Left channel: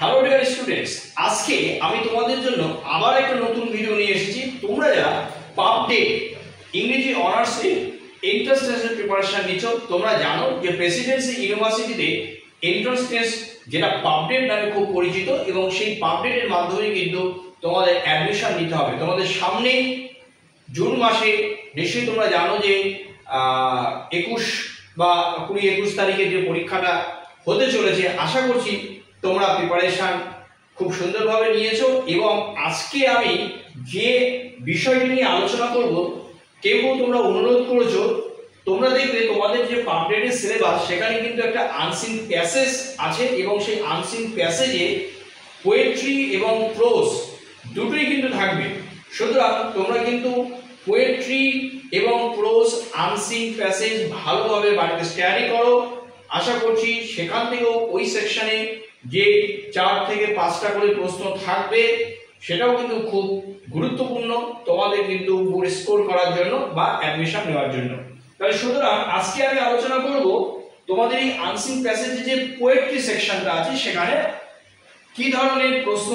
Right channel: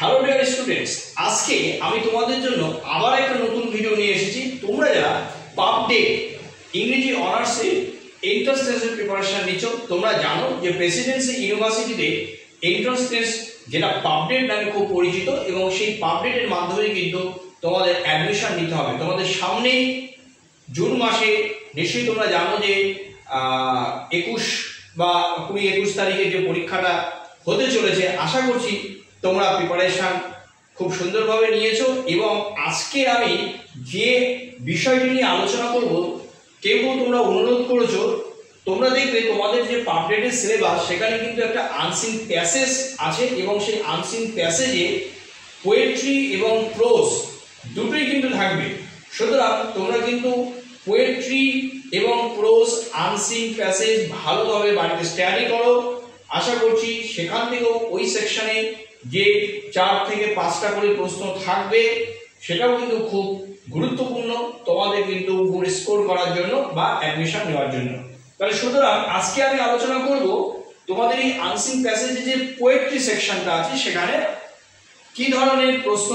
Hello dear students, আজকে আমি তোমাদের জন্য আবার একটা নতুন ভিডিও নিয়ে এসেছি। তোমরা যারা পাবডেট ইংরেজি অনার্সে এন্ট্রান্স টেস্টের প্রিপারেশন নিচ্ছ, তোমরা জানো যে প্রেসিডেন্সি ইউনিভার্সিটিতে এন্ট্রান্স টেস্ট যেটা পাবডেট নামে খুব পরিচিত, এবং সেই পাবডেটের মাধ্যমে কিন্তু তোমাদের অ্যাডমিশন নিতে হবে। তোমাদের সামনেই জুন মাসে নিশ্চয়ই তোমরা জানো যে 21 বা 20-21 তারিখে যে পরীক্ষাটা হতে চলেছে। আশা করছি তোমরা প্রিপারেশন খুব সুন্দরভাবে নিয়েছো, এবং আজকে আমি যে বিষয়টি নিয়ে আলোচনা করব, কেউ তোমরা অনুরোধ করেছো, তোমরা দেখবে তোমাদের যে পাবডেটের সিলেবাস সেখানে কিন্তু একটা আনসিন প্যাসেজ আছে, এবং সেই আনসিন প্যাসেজে পোয়েট্রি এবং প্রোজ দুটোই কিন্তু থাকবে। সুতরাং তোমরা কিন্তু পোয়েট্রি এবং প্রোজ আনসিন প্যাসেজ ভালোভাবে বাড়িতে স্টাডি করো। আশা করছি সেখান থেকেও ওই সেকশনে যে 4 থেকে 5টা করে প্রশ্ন থাকবে সেটাও কিন্তু খুব গুরুত্বপূর্ণ তোমাদের কিন্তু গুড স্কোর করার জন্য বা অ্যাডমিশন নেওয়ার জন্য। তাহলে সুতরাং আজকে আমি আলোচনা করব তোমাদের এই আনসিন প্যাসেজে যে পোয়েট্রি সেকশনটা আছে সেখানে কি ধরনের প্রশ্ন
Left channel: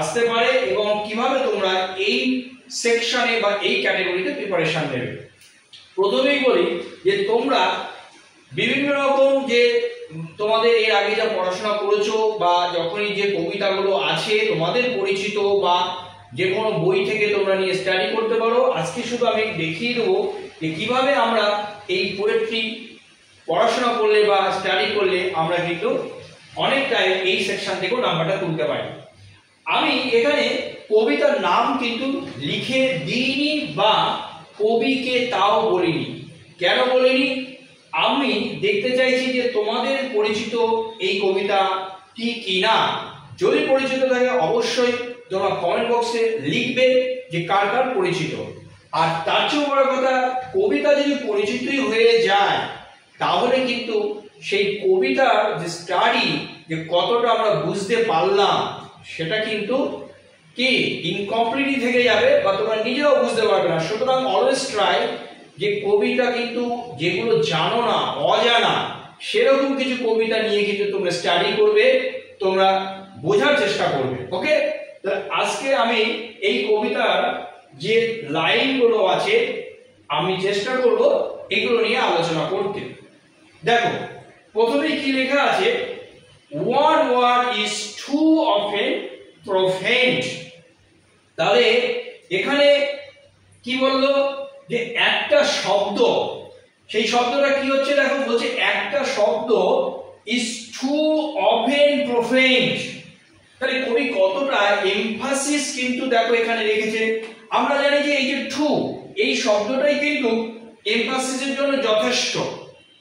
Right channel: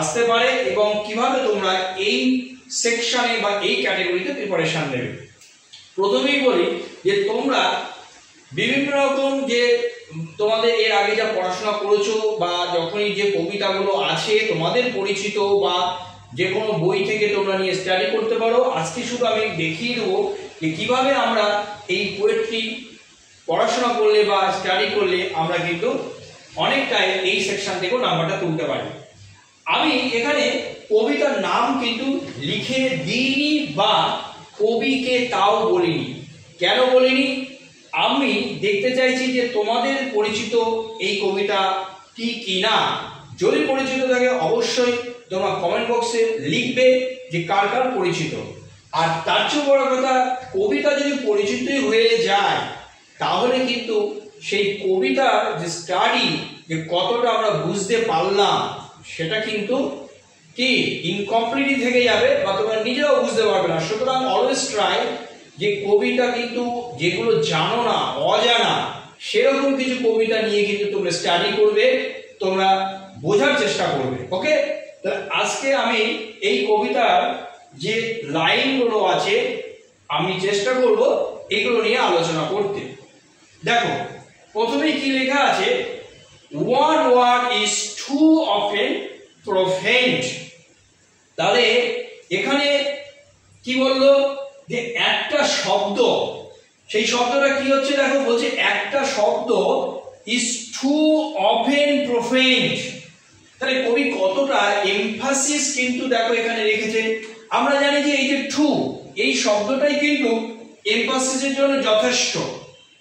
আসতে পারে এবং কিভাবে তোমরা এই সেকশনে বা এই ক্যাটাগরিতে প্রিপারেশন নেবে। প্রথমেই বলি যে তোমরা বিভিন্ন রকম যে তোমাদের এর আগে যা পড়াশোনা করেছো বা যখনই যে কবিতাগুলো আছে তোমাদের পরিচিত বা যে কোনো বই থেকে তোমরা নিয়ে স্টাডি করতে পারো। আজকে শুধু আমি দেখিয়ে দেবো যে কিভাবে আমরা এই পোয়েট্রি পড়াশোনা করলে বা স্টাডি করলে আমরা কিন্তু অনেকটাই এই সেকশন থেকেও নাম্বারটা তুলতে পারি। আমি এখানে কবিতার নাম কিন্তু লিখে দিইনি বা কবিকে তাও বলিনি। কেন বলিনি? আমি দেখতে চাইছি যে তোমাদের পরিচিত এই কবিতাটি কিনা। যদি পরিচিত থাকে অবশ্যই তোমরা কমেন্ট বক্সে লিখবে যে কার কার পরিচিত। আর তার চেয়ে বড় কথা, কবিতা যদি পরিচিতই হয়ে যায় তাহলে কিন্তু সেই কবিতার যে স্টাডি, যে কতটা আমরা বুঝতে পারলাম, সেটা কিন্তু কি ইনকমপ্লিটই থেকে যাবে বা তোমরা নিজেও বুঝতে পারবে না। সুতরাং অলওয়েজ ট্রাই যে কবিতা কিন্তু যেগুলো জানো না, অজানা, সেরকম কিছু কবিতা নিয়ে কিন্তু তোমরা স্টাডি করবে, তোমরা বোঝার চেষ্টা করবে। ওকে, তাহলে আজকে আমি এই কবিতার যে লাইনগুলো আছে আমি চেষ্টা করব এগুলো নিয়ে আলোচনা করতে। দেখো প্রথমেই কি লেখা আছে, one word is too often profaned। তাহলে এখানে কি বললো যে একটা শব্দ, সেই শব্দটা কি হচ্ছে দেখো, বলছে একটা শব্দ is too often profaned। তাহলে কবি কতটা এমফাসিস কিন্তু দেখো এখানে রেখেছে। আমরা জানি যে এই যে টু, এই শব্দটাই কিন্তু এমফাসিসের জন্য যথেষ্ট।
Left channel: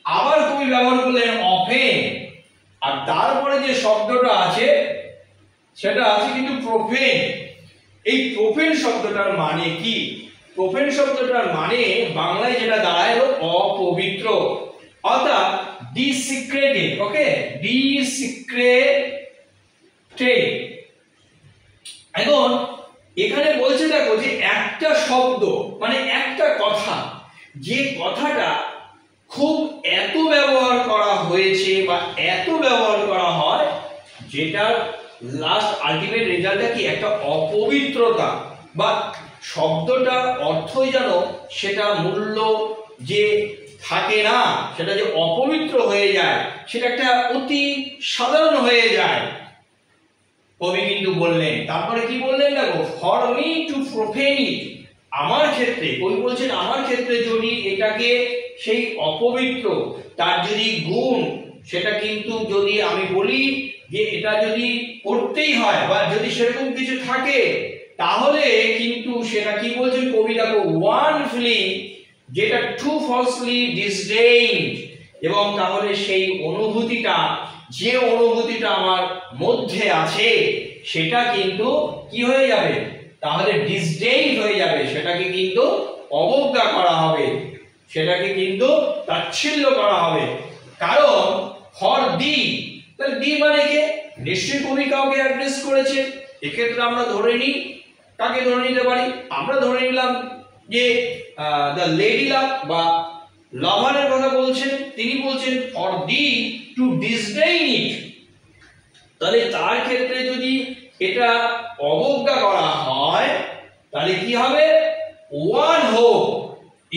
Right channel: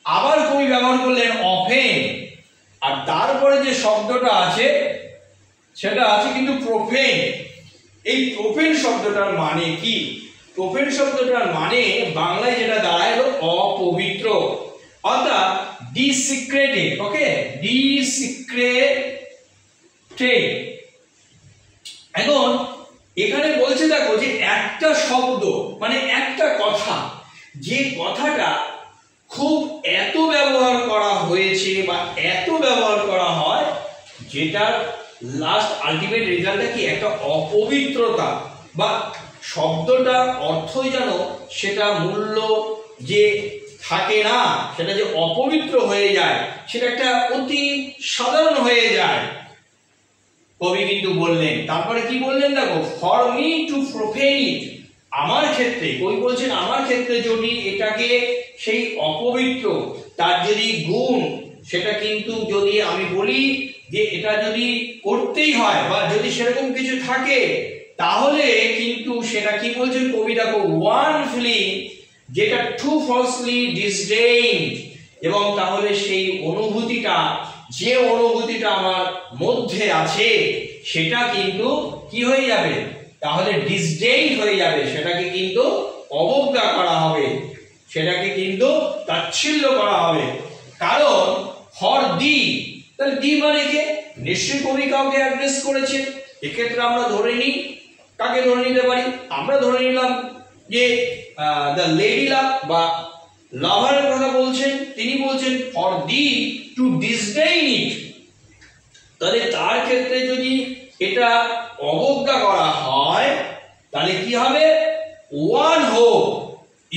আবার কবি ব্যবহার করলেন অফেন, আর তারপরে যে শব্দটা আছে সেটা আছে কিন্তু প্রোফেন। এই প্রোফেন শব্দটার মানে কি? প্রোফেন শব্দটার মানে বাংলায় যেটা দাঁড়ায় হলো অপবিত্র, অর্থাৎ ডিসিক্রেটেড। ওকে, ডিসিক্রেটেড। এখন এখানে বলছে দেখো যে একটা শব্দ মানে একটা কথা, যে কথাটা খুব এত ব্যবহার করা হয়েছে বা এত ব্যবহার করা হয়, যেটার লাস্ট আলটিমেট রেজাল্টটা কি একটা অপবিত্রতা, বা শব্দটার অর্থই যেন সেটা মূল্য যে থাকে না, সেটা যে অপবিত্র হয়ে যায়, সেটা একটা অতি সাধারণ হয়ে যায়। কবি কিন্তু বললেন, তারপরে কি বললেন দেখো, ফর মি টু প্রোফেন ইট। আমার ক্ষেত্রে, কবি বলছেন আমার ক্ষেত্রে যদি এটাকে সেই অপবিত্র, তার যদি গুণ, সেটা কিন্তু যদি আমি বলি যে এটা যদি করতেই হয় বা যদি সেরকম কিছু থাকে, তাহলে কিন্তু সেটা কি বলছেন কবি দেখো, ওয়ান ফিলিং যেটা টু ফলসলি ডিসডেইনড, এবং তাহলে সেই অনুভূতিটা, যে অনুভূতিটা আমার মধ্যে আছে সেটা কিন্তু কি হয়ে যাবে, তাহলে ডিসডেইন হয়ে যাবে, সেটাকে কিন্তু অবজ্ঞা করা হবে, সেটাকে কিন্তু তাচ্ছিল্য করা হবে। কারণ ফর দি, তাহলে দি মানে কে? নিশ্চয়ই কবি কাউকে অ্যাড্রেস করেছে। এক্ষেত্রে আমরা ধরে নিই, কাকে ধরে নিতে পারি? আমরা ধরে নিলাম যে দ্য লেডি লাভ বা লাভারের কথা বলছেন। তিনি বলছেন ফর দি টু ডিসডেইন ইট, তাহলে তার ক্ষেত্রে যদি এটা অবজ্ঞা করা হয় তাহলে কি হবে, one hope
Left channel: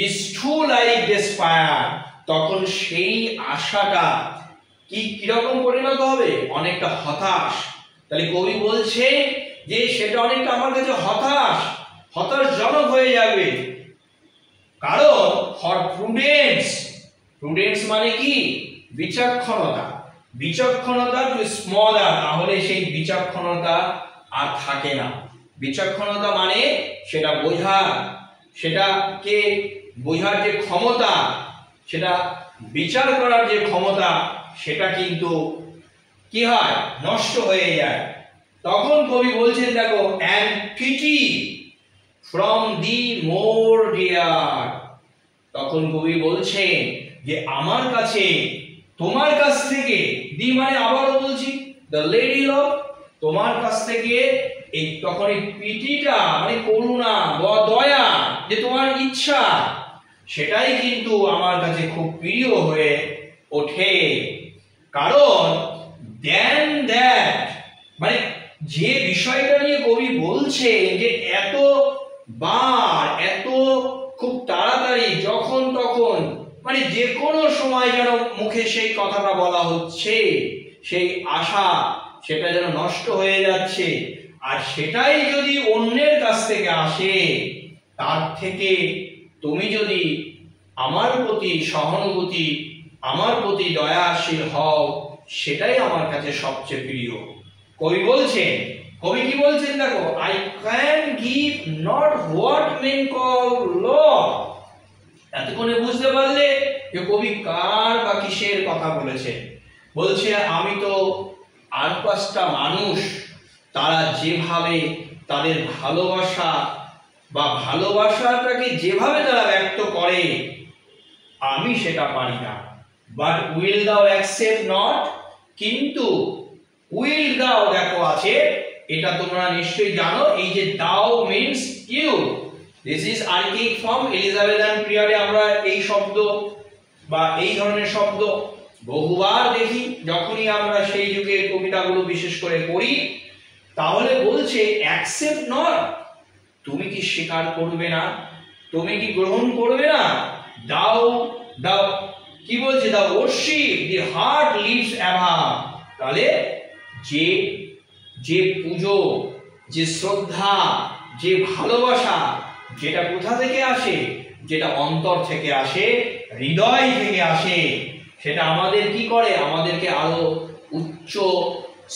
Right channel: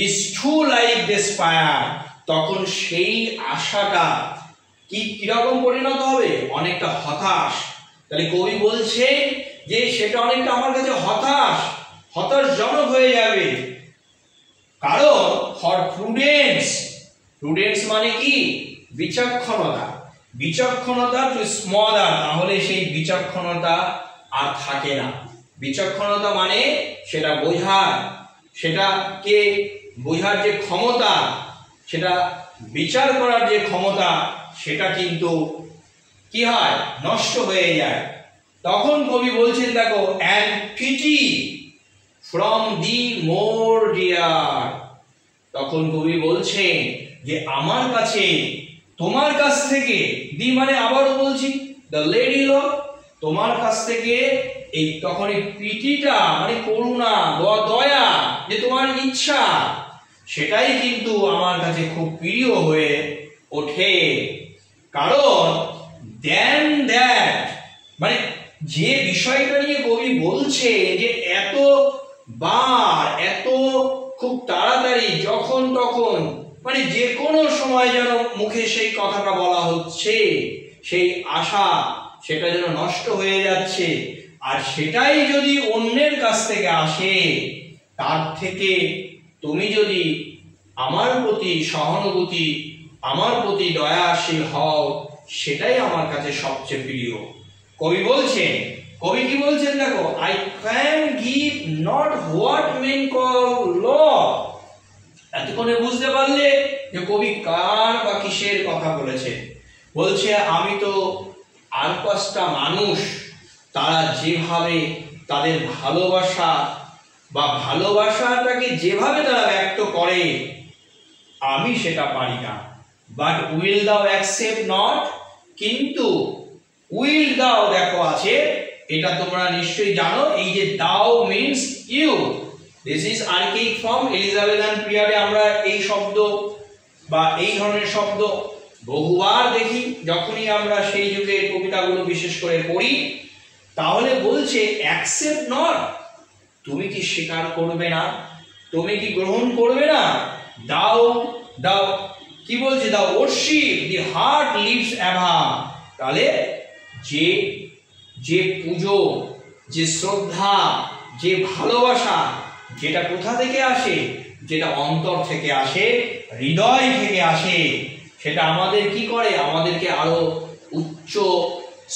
is to like despair, তখন সেই আশাটা কিরকম পরিণত হবে, অনেকটা হতাশ। তাহলে কবি বলছে যে সেটা অনেকটা আমার কাছে হতাশজনক হয়ে যাবে। কারণ ফর প্রুডেন্স মানে কি, বিচক্ষণতা টু স্মলার, তাহলে সেই বিচক্ষণতা আর থাকে না। বিচক্ষণতা মানে সেটাকে বোঝার যে ক্ষমতা, সেটা বিচার করার যে ক্ষমতা, সেটা কিন্তু কি হয়, নষ্ট হয়ে যায়। তখন কবি বলছেন দেখো, and pity from the more dear, তখন কবি বলছেন যে আমার কাছে, তোমার কাছ থেকে, দি মানে আবারও বলছি দ্য লেডি লভ, তোমার কাছ থেকে এই তখন এই পিটিটা মানে করুণা বা দয়া, যে তোমার ইচ্ছা, সেটাই কিন্তু আমার কাছে খুব প্রিয় হয়ে ওঠে। কারণ দেন দ্যাট মানে যে বিষয়টা নিয়ে কবি বলছে যে এত খুব তাড়াতাড়ি যখন তখন মানে যে কোনো সময় যেন মুখে সেই কথাটা বলা হচ্ছে, সেই আশা সেটা যেন নষ্ট হয়ে যাচ্ছে, আর সেটাই যদি অন্যের কাছ থেকে আসে, তার থেকে তুমি যদি আমার প্রতি সহানুভূতি, আমার প্রতি দয়াশীল হও, সেটাই আমার কাছে সবচেয়ে প্রিয়। কবি কি বলছেন দেখো, I can give not what men call love. এতক্ষণে বুঝতে পারলে যে কবি কার বা কিসের কথা বলেছে। বলছে আমি তো আর পাঁচটা মানুষ, তারা যেভাবে তাদের ভালোবাসা বা ভালোবাসাটাকে যেভাবে তারা ব্যক্ত করে, আমি সেটা পারি না। But will thou accept not, কিন্তু উইল দাও দেখো আছে, এটা তোমরা নিশ্চয়ই জানো, এই যে thou means you, this is archaic form. Elizabethan পিরিয়ডে আমরা এই শব্দ বা এই ধরনের শব্দ বহুবার দেখি, যখনই আমরা সেই যুগের কবিতাগুলো বিশেষ করে পড়ি, তাহলে বলছে অ্যাকসেপ্ট নট, তুমি কি স্বীকার করবে না, তুমি কি গ্রহণ করবে না, দাও কি বলছে, দাও ওয়ার্শিপ দি হার্ট লিভস অ্যাভাব, তাহলে যে পুজো, যে শ্রদ্ধা, যে ভালোবাসা, যেটা কোথা থেকে আসে, যেটা অন্তর থেকে আসে, হৃদয় থেকে আসে, সেটা আমাদের কি করে, আমাদেরকে আরো উচ্চ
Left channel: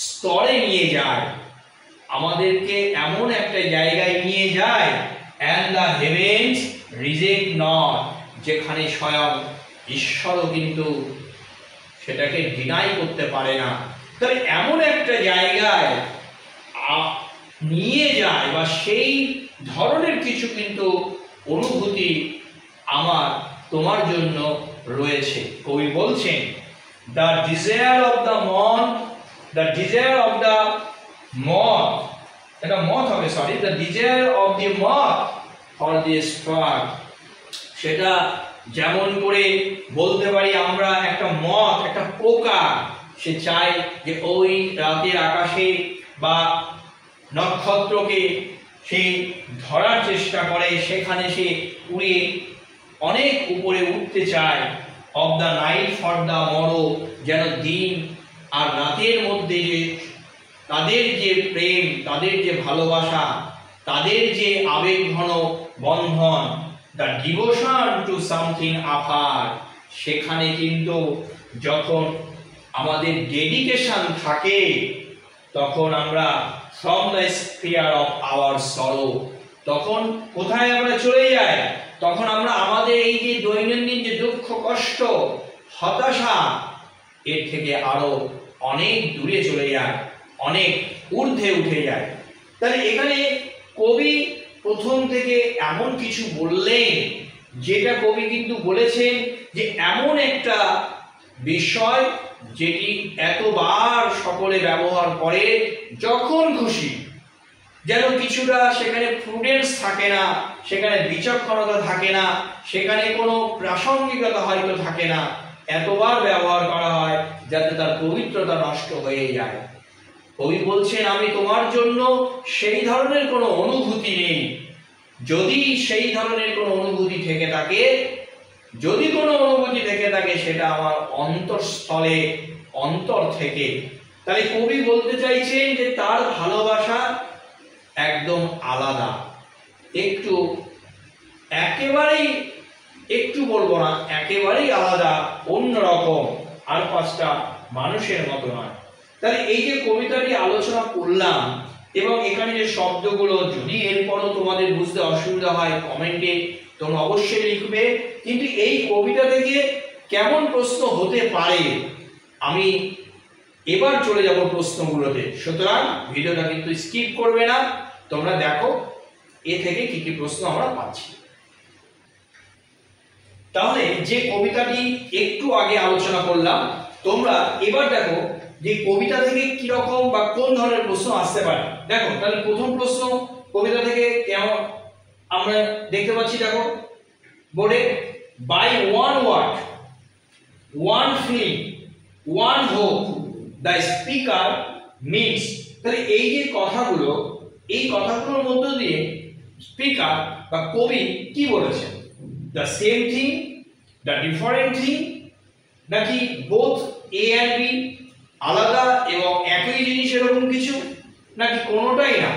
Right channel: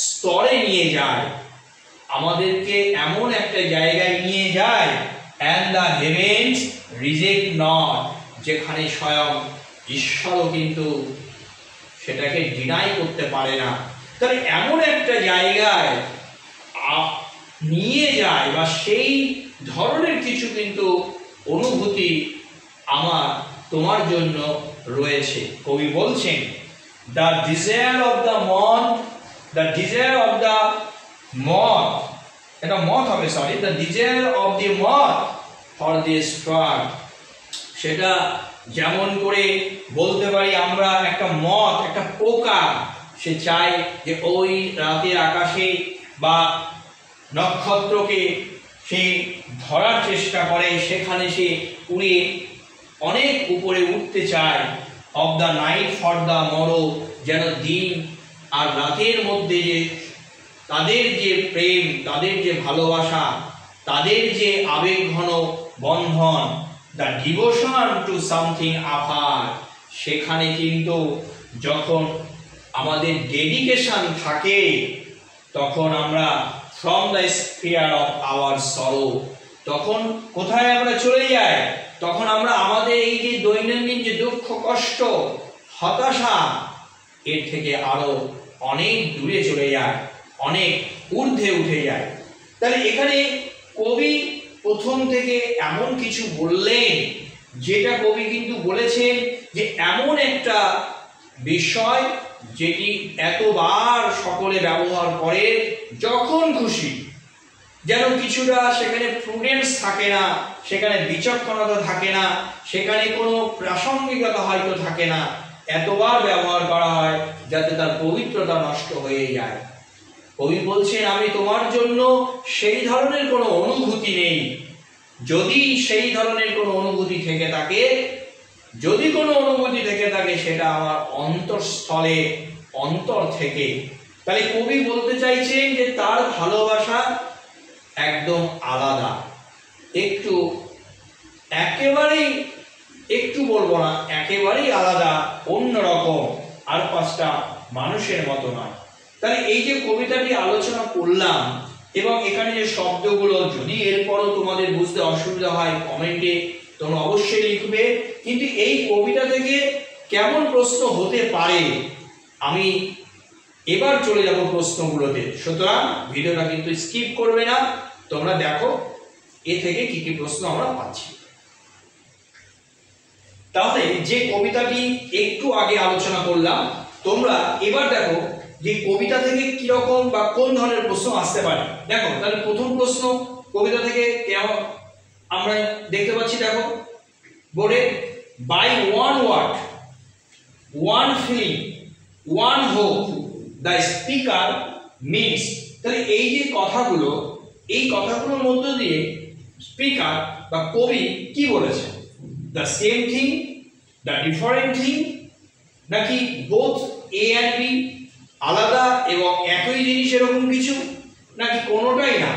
স্তরে নিয়ে যায়, আমাদেরকে এমন একটা জায়গায় নিয়ে যায়, and the heavens reject not, যেখানে স্বয়ং ঈশ্বরও কিন্তু সেটাকে ডিনাই করতে পারে না। তাহলে এমন একটা জায়গায় নিয়ে যায়, বা সেই ধরনের কিছু কিন্তু অনুভূতি আমার তোমার জন্য রয়েছে। কবি বলছেন the desire of the moth, the desire of the moth, এটা moth হবে, sorry, the desire of the moth for the spark, সেটা যেমন করে বলতে পারি আমরা, একটা মথ, একটা পোকা, সে চায় যে ওই রাতের আকাশে বা নক্ষত্রকে সে ধরার চেষ্টা করে, সেখানে সে উড়ে অনেক উপরে উঠতে চায়। Of the night for the morrow, যেন দিন আর রাতের মধ্যে যে তাদের যে প্রেম, তাদের যে ভালোবাসা, তাদের যে আবেগঘন বন্ধন, দ্য ডিভোশন টু সামথিং আফার, সেখানে কিন্তু যখন আমাদের ডেডিকেশন থাকে, তখন আমরা from the sphere of our সরো, তখন কোথায় আমরা চলে যাই, তখন আমরা আমাদের এই যে দৈনন্দিন যে দুঃখ, কষ্ট, হতাশা, এর থেকে আরো অনেক দূরে চলে যায়, অনেক ঊর্ধ্বে উঠে যায়। তাহলে এখানে কবি প্রথম থেকে এমন কিছু বললেন, যেটা কবি কিন্তু বলেছেন যে এমন একটা বিষয় যেটি এতবার সকলে ব্যবহার করে, যখন খুশি, যেন কিছুটা সেখানে প্রুডেন্স থাকে না, সেখানে বিচক্ষণতা থাকে না, সেখানে কোনো প্রাসঙ্গিকতা হয়তো থাকে না, এতবার ব্যবহার করা হয় যাতে তার পবিত্রতা নষ্ট হয়ে যায়। কবি বলছেন আমি তোমার জন্য সেই ধরনের কোনো অনুভূতি নেই। যদি সেই ধরনের কোনো অনুভূতি থেকে থাকে, যদি কোনো অনুভূতি থেকে থাকে সেটা আমার অন্তরস্থলে, অন্তর থেকে। তাহলে কবি বলতে চাইছেন যে তার ভালোবাসা একদম আলাদা, একটু একেবারেই, একটু বলবো না, একেবারেই আলাদা, অন্যরকম, আর পাঁচটা মানুষের মতো নয়। তাহলে এই যে কবিতাটি আলোচনা করলাম এবং এখানে যে শব্দগুলো, যদি এরপরও তোমাদের বুঝতে অসুবিধা হয় কমেন্টে তোমরা অবশ্যই লিখবে। কিন্তু এই কবিতা থেকে কেমন প্রশ্ন হতে পারে আমি এবার চলে যাব প্রশ্নগুলোতে, সুতরাং ভিডিওটা কিন্তু স্কিপ করবে না, তোমরা দেখো এ থেকে কি কি প্রশ্ন আমরা পাচ্ছি। তাহলে যে কবিতাটি একটু আগে আলোচনা করলাম, তোমরা এবার দেখো যে কবিতা থেকে কি রকম বা কোন ধরনের প্রশ্ন আসতে পারে। দেখো তাহলে প্রথম প্রশ্ন কবিতা থেকে কেমন আমরা দেখতে পাচ্ছি, দেখো বোর্ডে, by one word, one feeling, one hope the speaker means. তাহলে এই যে কথাগুলো, এই কথাগুলোর মধ্য দিয়ে স্পিকার বা কবি কি বলেছেন? The same thing, the different thing, নাকি বোথ এ অ্যান্ড বি, আলাদা এবং একই জিনিস এরকম কিছু, নাকি কোনোটাই না?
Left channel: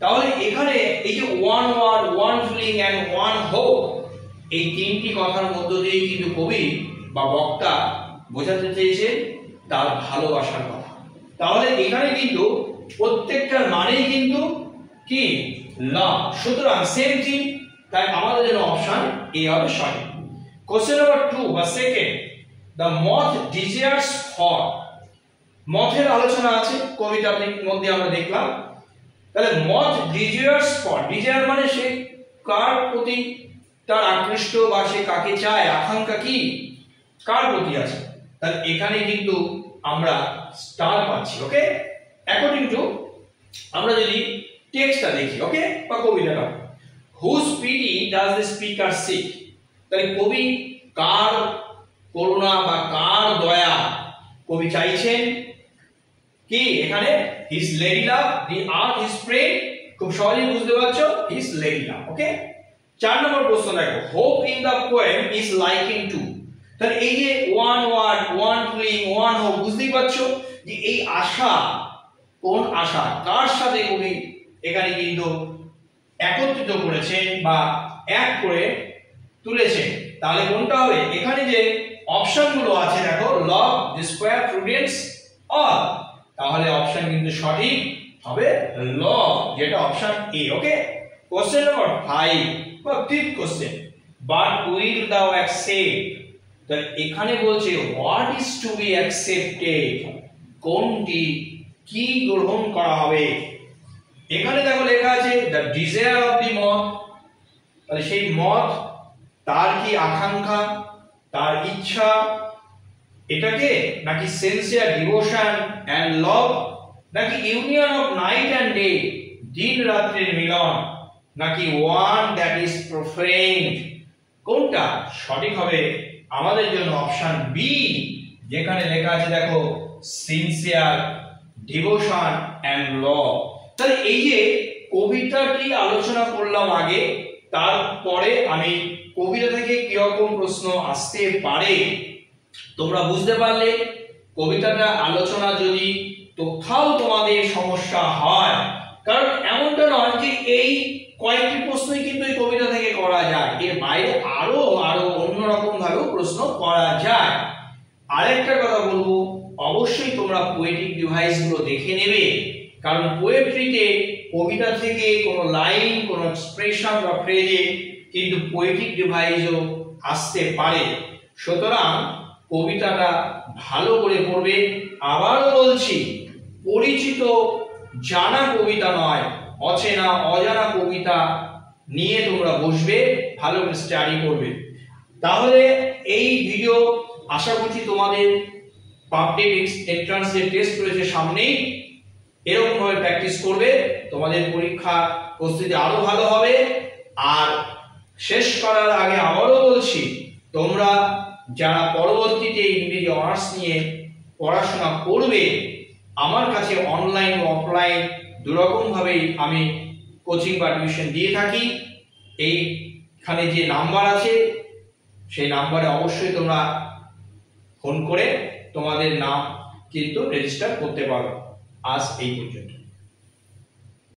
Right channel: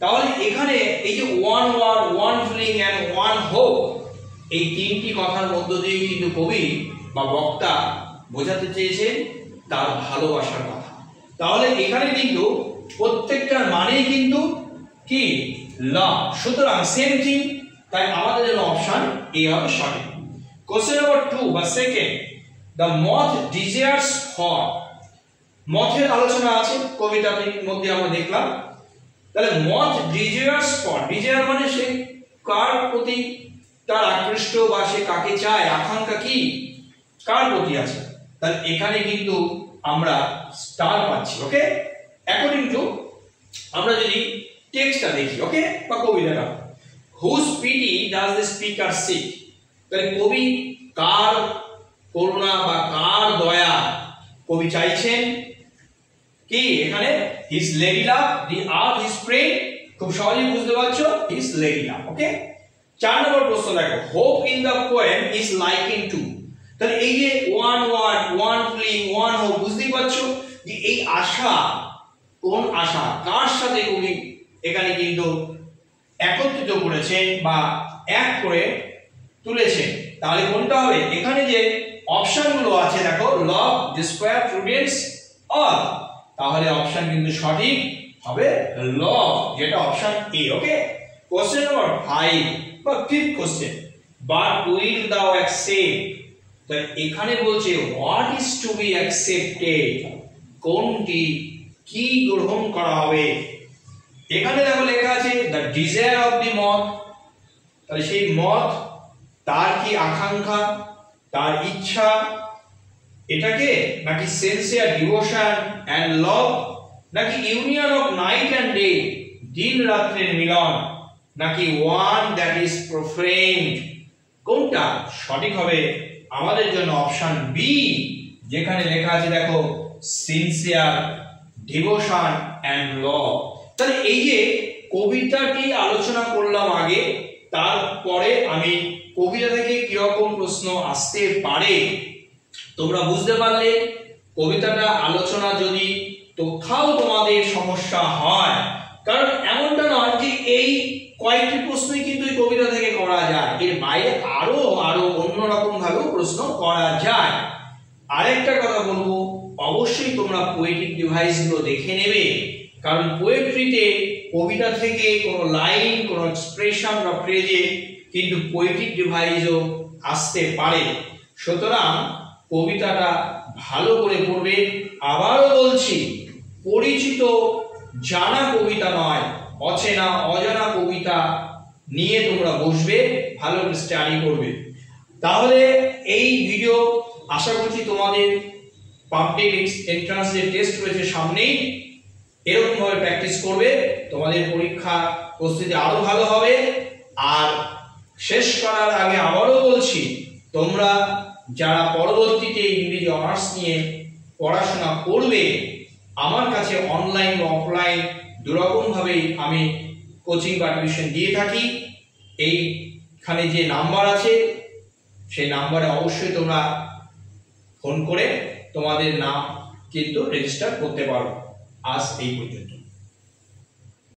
তাহলে এখানে এই যে one word, one feeling and one hope, এই তিনটি কথার মধ্য দিয়ে কিন্তু কবি বা বক্তা বোঝাতে চেয়েছে তার ভালোবাসার কথা। তাহলে এখানে কিন্তু প্রত্যেকটার মানেই কিন্তু কি লাভ, সুতরাং সেম থিং, তাই আমাদের জন্য অপশন এ হবে সঠিক। কোশ্চেন নাম্বার 2 বা second, the moth desires for. মথের আলোচনা আছে কবিতার মধ্যে আমরা দেখলাম। তাহলে মথ ডিজায়ার্স ফর, ডিজায়ার মানে সে কার প্রতি তার আকৃষ্ট বা সে কাকে চায়, আকাঙ্ক্ষা কি কার প্রতি আছে। তাহলে এখানে কিন্তু আমরা স্টার পাচ্ছি। ওকে, অ্যাকর্ডিং টু আমরা যদি টেক্সটটা দেখি, ওকে, বা কবিতাটা, whose pity does the speaker seek. তাহলে কবি কার করুণা বা কার দয়া কবি চাইছেন? কি এখানে হিজ লেডি লাভ, দি আর্থ হিজ প্রে, খুব সহজেই বুঝতে পারছো, হিজ লেডি লাভ। ওকে, 4 নম্বর প্রশ্ন দেখো, hope in the poem is likened to. তাহলে এই যে one word, one feeling, one hope, বুঝতেই পারছো যে এই আশা, কোন আশা, কার সাথে কবি এখানে কিন্তু একত্রিত করেছেন বা এক করে তুলেছেন। তাহলে কোনটা হবে? এখানে যে অপশনগুলো আছে দেখো, লাভ, ডিসপায়ার, প্রুডেন্স, অল, তাহলে অপশন কিন্তু সঠিক হবে লাভ, যেটা option A. Okay, question number 5 বা 5th question, but will thou accept. তো এখানে বলছে what is to be accepted, কোনটি কি গ্রহণ করা হবে। এখানে দেখো লেখা আছে the desire of the moth. তাহলে সেই মথ তার কি আকাঙ্ক্ষা, তার ইচ্ছা, এটাকে, নাকি সিনসিয়ার ডিভোশন এন্ড লাভ, নাকি union of night and day, দিন রাত্রির মিলন, নাকি ওয়ান দ্যাট ইজ প্রফেন্ড। কোনটা সঠিক হবে আমাদের জন্য? অপশন বি, যেখানে লেখা আছে দেখো সিনসিয়ার ডিভোশন এন্ড লাভ। তাহলে এই যে কবিতাটি আলোচনা করলাম আগে, তারপরে আমি কবিতা থেকে কিরকম প্রশ্ন আসতে পারে তোমরা বুঝতে পারলে। কবিতাটা আলোচনা যদি কোথাও তোমাদের সমস্যা হয়, কারণ এমনটা নয় যে এই কয়েকটি প্রশ্নই কিন্তু এই কবিতা থেকে করা যায়, এর বাইরে আরো অন্যরকম ভাবেও প্রশ্ন করা যায়। আরেকটা কথা বলবো, অবশ্যই তোমরা পোয়েটিক ডিভাইস গুলো দেখে নেবে, কারণ পোয়েট্রিতে কবিতা থেকে কোনো লাইন, কোনো এক্সপ্রেশন বা ফ্রেজে কিন্তু পোয়েটিক ডিভাইসও আসতে পারে। সুতরাং কবিতাটা ভালো করে পড়বে। আবারও বলছি, পরিচিত জানা কবিতা নয়, অচেনা অজানা কবিতা নিয়ে তোমরা বসবে, ভালো করে স্টাডি করবে। তাহলে এই ভিডিও আশা করছি তোমাদের পাবলিক এন্ট্রান্স যে টেস্ট রয়েছে সামনেই, এরকম ভাবে প্র্যাকটিস করবে, তোমাদের পরীক্ষা প্রস্তুতি আরো ভালো হবে। আর শেষ করার আগে আবারও বলছি, তোমরা যারা পরবর্তীতে ইংরেজি অনার্স নিয়ে পড়াশোনা করবে, আমার কাছে অনলাইন ও অফলাইন দুরকমভাবেই আমি কোচিং বা টিউশন দিয়ে থাকি। এইখানে যে নাম্বার আছে সেই নাম্বারে অবশ্যই তোমরা ফোন করে তোমাদের নাম কিন্তু রেজিস্টার করতে পারো। আজ এই পর্যন্ত।